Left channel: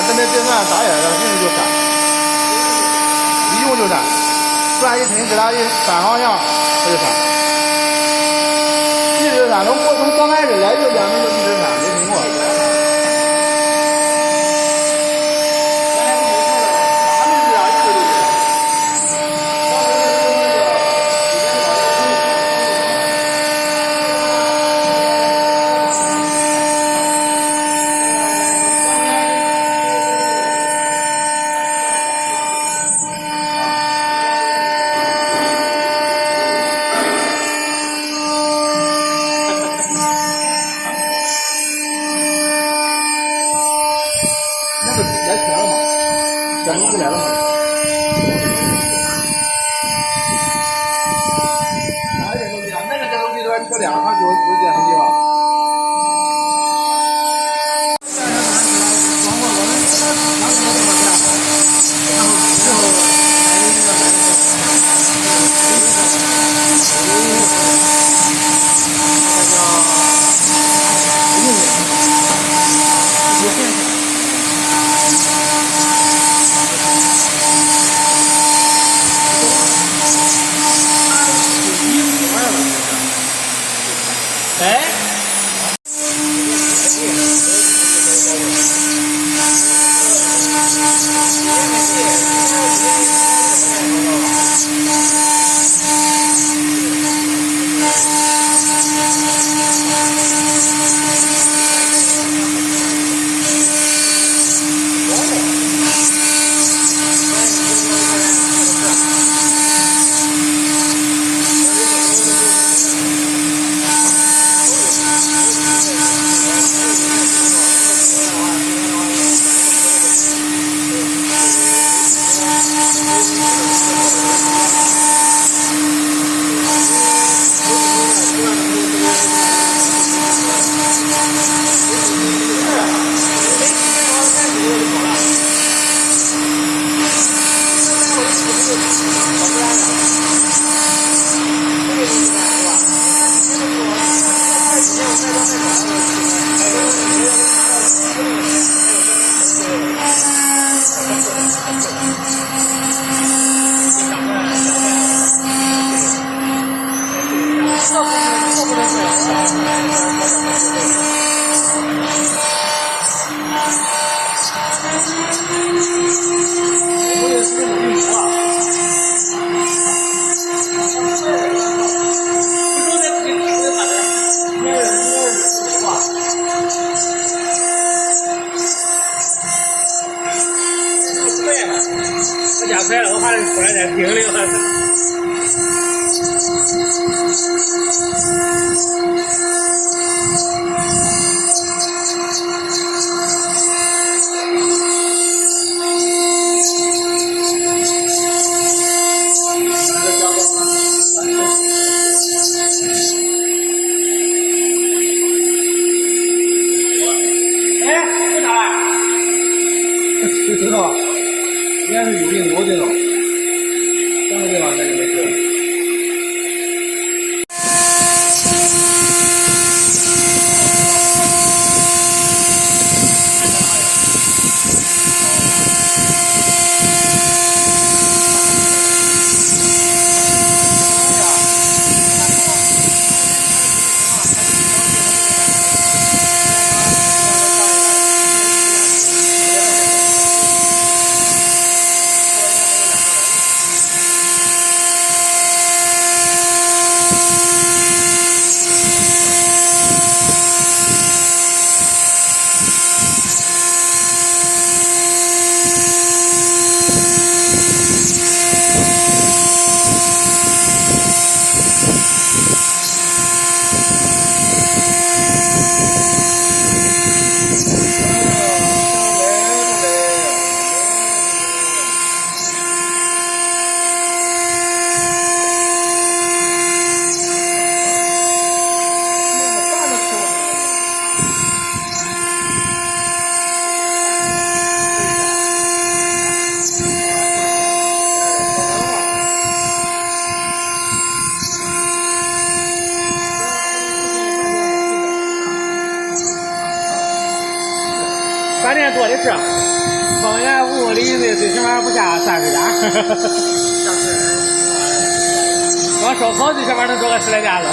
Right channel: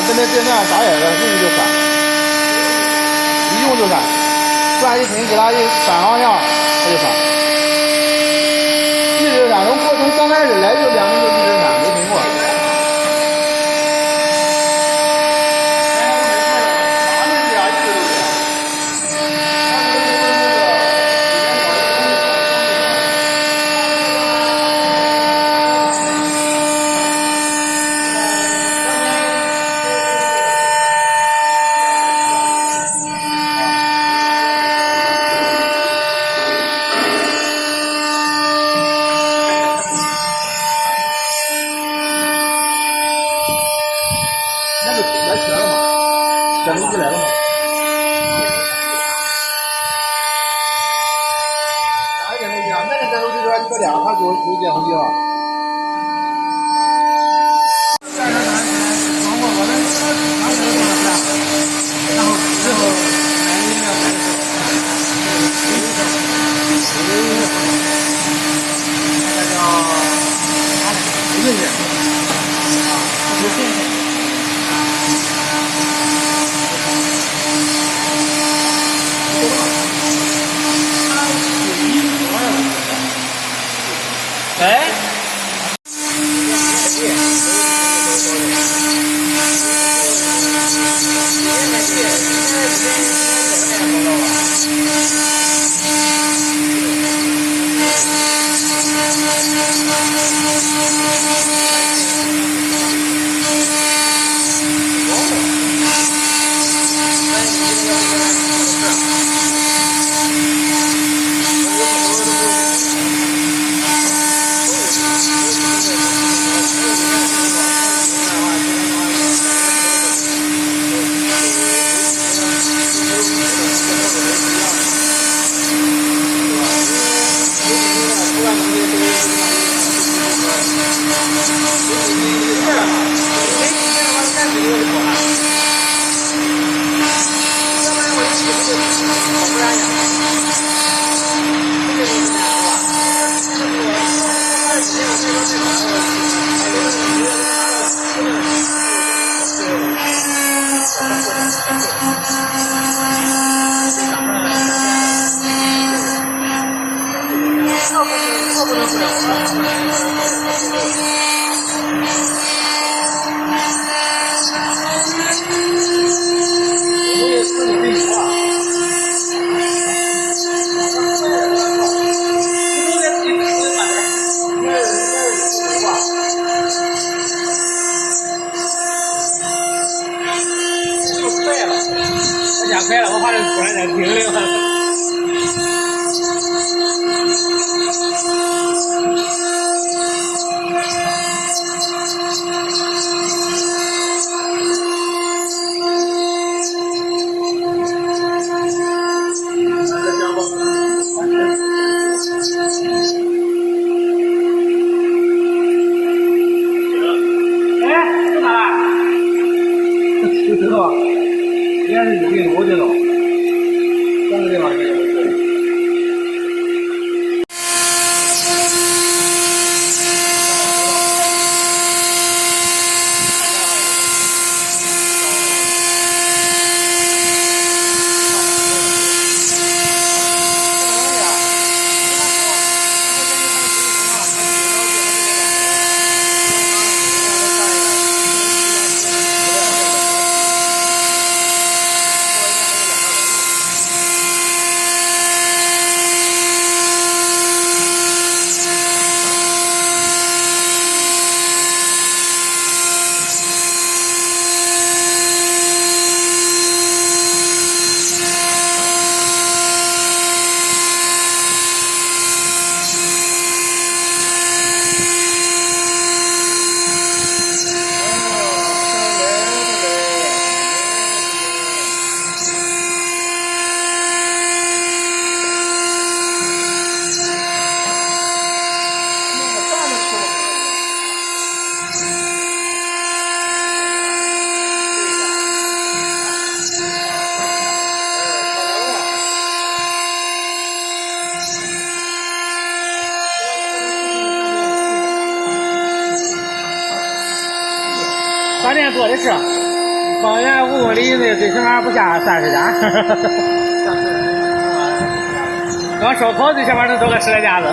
准备诊断大爷的，人就删，一用就删，删一听给他一删好像他就删，一直删，从刚开始来就2年就一直删，没停过。那就来钱了嘛，检出不来了嘛。哪个检出机啊？那个检出机说这2它有检出机吗？然后我们拿回来多少钱？然后最后哎。快了，我怕突然间停了。就知道，应该是有病，我觉得，三个地方那就没事。多的是，方圆5公里以内最起码不下30家。光烧烤最起码能做个10来家子。